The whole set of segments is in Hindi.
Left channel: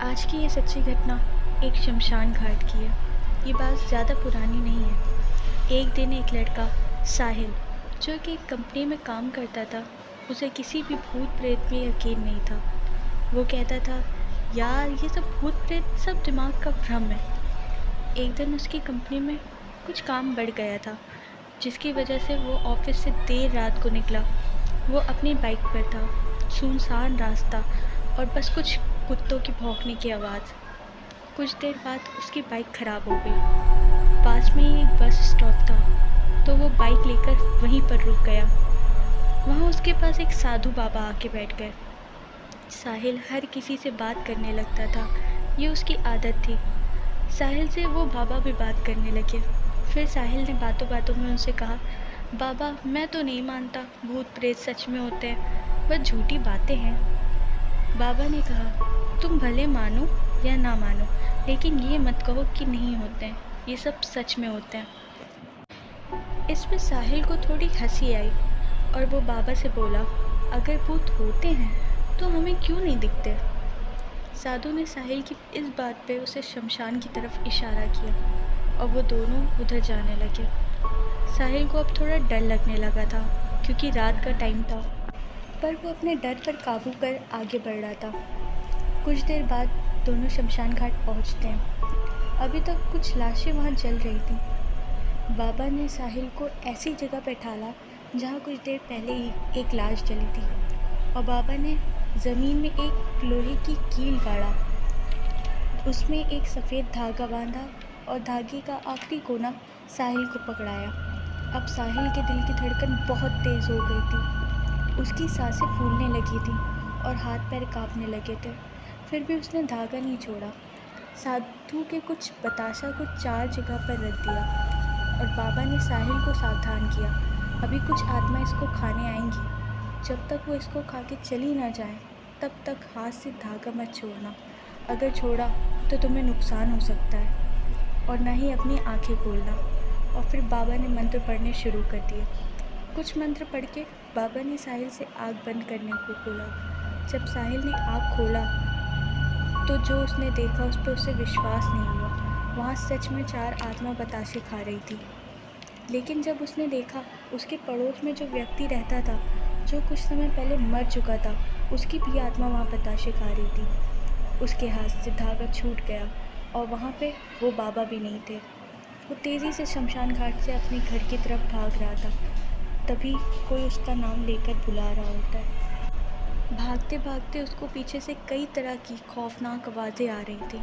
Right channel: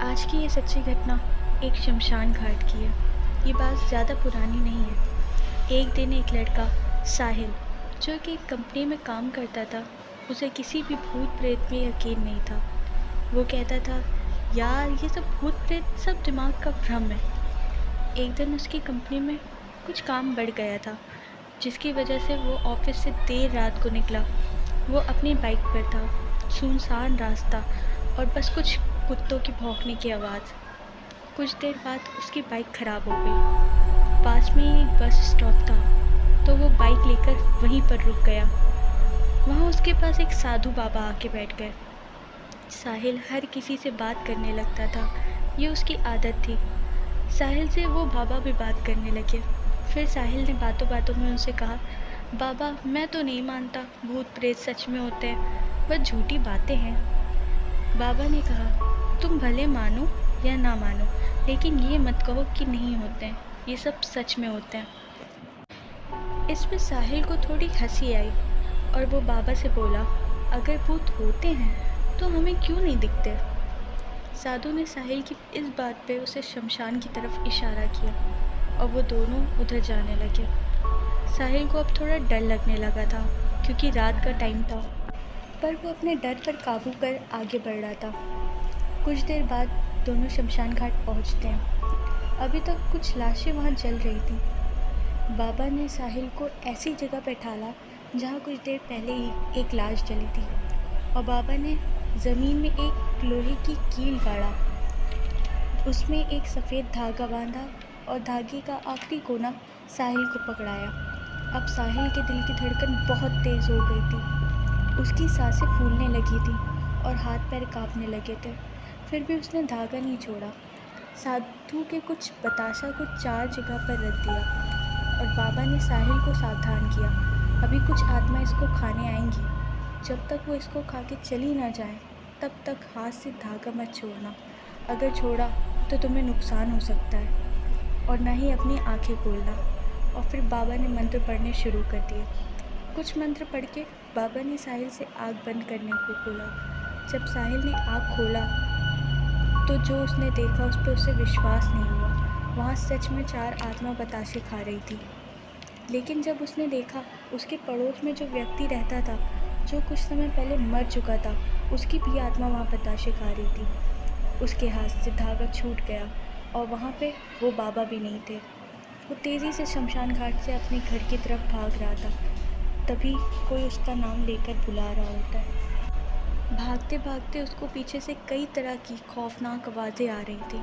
आज की ये सच्ची घटना एक शमशान घाट की है। ये बात ज़्यादा पुरानी नहीं है। एक दिन एक लड़का साहिल, जो कि एक कंपनी में काम करता था, उसे किसी भी भूत प्रेत में यकीन नहीं था। वो कहता था, यार ये सब भूत प्रेत सब दिमाग का भ्रम है। एक दिन उसकी कंपनी में कुछ काम बढ़ गया था, जिसकी वजह से वो ऑफिस से देर रात को निकला। वो अपनी बाइक पर था, सुनसान रास्ता और बस कुछ कुत्तों की भौंकने की आवाज़। कुछ देर बाद उसकी बाइक खराब हो गई। पास में ही एक बस स्टॉप था, तो वो बाइक लेकर वहीं पर रुक गया। वहाँ उसके पास एक साधु बाबा आके बैठ गए। साहिल हर किसी से बात करने लगता था, ये उसकी आदत थी। साहिल से वो बाबा भी बात करने लगे। फिर साहिल ने बातों बातों में उनसे कहा, बाबा मैं तो नहीं मानता भूत प्रेत सच में होते हैं, बस झूठी बातें हैं। बाबा ने कहा, तुम भले मानो या ना मानो, लेकिन ये मत कहो कि नहीं होते हैं, ये सब सच में होते हैं। इस पे साहिल को थोड़ी हंसी आई और वो बाबा से बोला, अगर भूत होते हैं तो हमें क्यों नहीं दिखते। साधु ने साहिल की इस बात पे उसे शमशान की तरफ इशारा किया और वो दोनों उधर जाने लगे। साहिल को अब थोड़ा डर लगने लगा था, क्योंकि रात का टाइम था, पर वो अपने डर पर काबू कर आगे बढ़ रहा था। कुछ देर बाद दोनों शमशान घाट पहुंचते हैं। अभी तक कुछ लाशें वहां जल रही थीं। बाबा ने साहिल को ऐसी जगह पर ढाला जहां कुछ देर पहले ही एक लाश जली थी, और बाबा ने ज़मीन में एक लोहे की कील गाड़ा, उसमें एक सफ़ेद धागा बांधा और धागे का आखिरी कोना साहिल को पकड़ाया। अब साहिल के दिल की धड़कन बहुत तेज़ हो गई थी, उसकी सांसें फूलने लगी थीं और हाथ पैर कांपने लगे थे। फिर भी उसने धागा नहीं छोड़ा। साधु के कुछ बताशा को 4 जगह पर रख दिया और बाबा ने साहिल को सावधान किया, अभी कुछ आत्मा इसको खाने आएंगी, जब तक वो इसको खा के चली ना जाए तब तक हाथ से धागा मत छोड़ना। अगर छोड़ा तो तुम्हें नुकसान हो सकता है, और ना ही अपनी आंखें खोलना। और फिर बाबा ने मंत्र पढ़ने शुरू कर दिए। कुछ मंत्र पढ़ के बाबा ने साहिल से आँख बंद करने को बोला। जब साहिल ने आँख खोला तो जो उसने देखा उस पर उसे विश्वास नहीं हुआ। वहाँ सच में 4 आत्मा बताशे खा रही थी। लेकिन जब उसने देखा उसके पड़ोस में जो व्यक्ति रहता था, जो कुछ समय पहले मर चुका था, उसकी भी आत्मा वहाँ बताशे खा रही थी। उसके हाथ से धागा छूट गया और वहाँ पे वो बाबा भी नहीं थे। वो तेज़ी से शमशान घाट से अपने घर की तरफ भाग रहा था। तभी कोई उसका नाम लेकर बुला रहा होता है। भागते भागते उसको पीछे से कई तरह की खौफनाक आवाज़ें आ रही थी,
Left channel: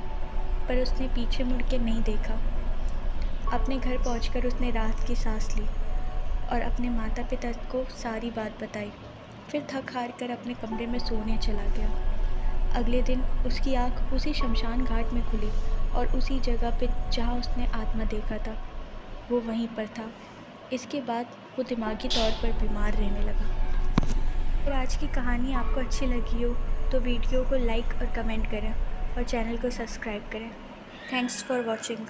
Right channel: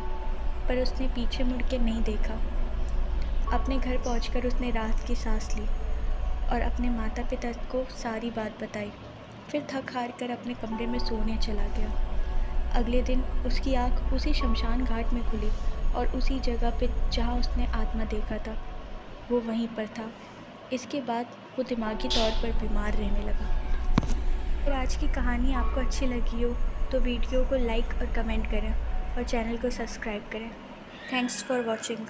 पर उसने पीछे मुड़ के नहीं देखा। अपने घर पहुंचकर उसने राहत की सांस ली और अपने माता पिता को सारी बात बताई। फिर थक हार कर अपने कमरे में सोने चला गया। अगले दिन उसकी आँख उसी शमशान घाट में खुली और उसी जगह पे जहाँ उसने आत्मा देखा था, वो वहीं पर था। इसके बाद वो दिमागी तौर पर बीमार रहने लगा। अगर आज की कहानी आपको अच्छी लगी हो तो वीडियो को लाइक और कमेंट करें और चैनल को सब्सक्राइब करें। Thanks for watching.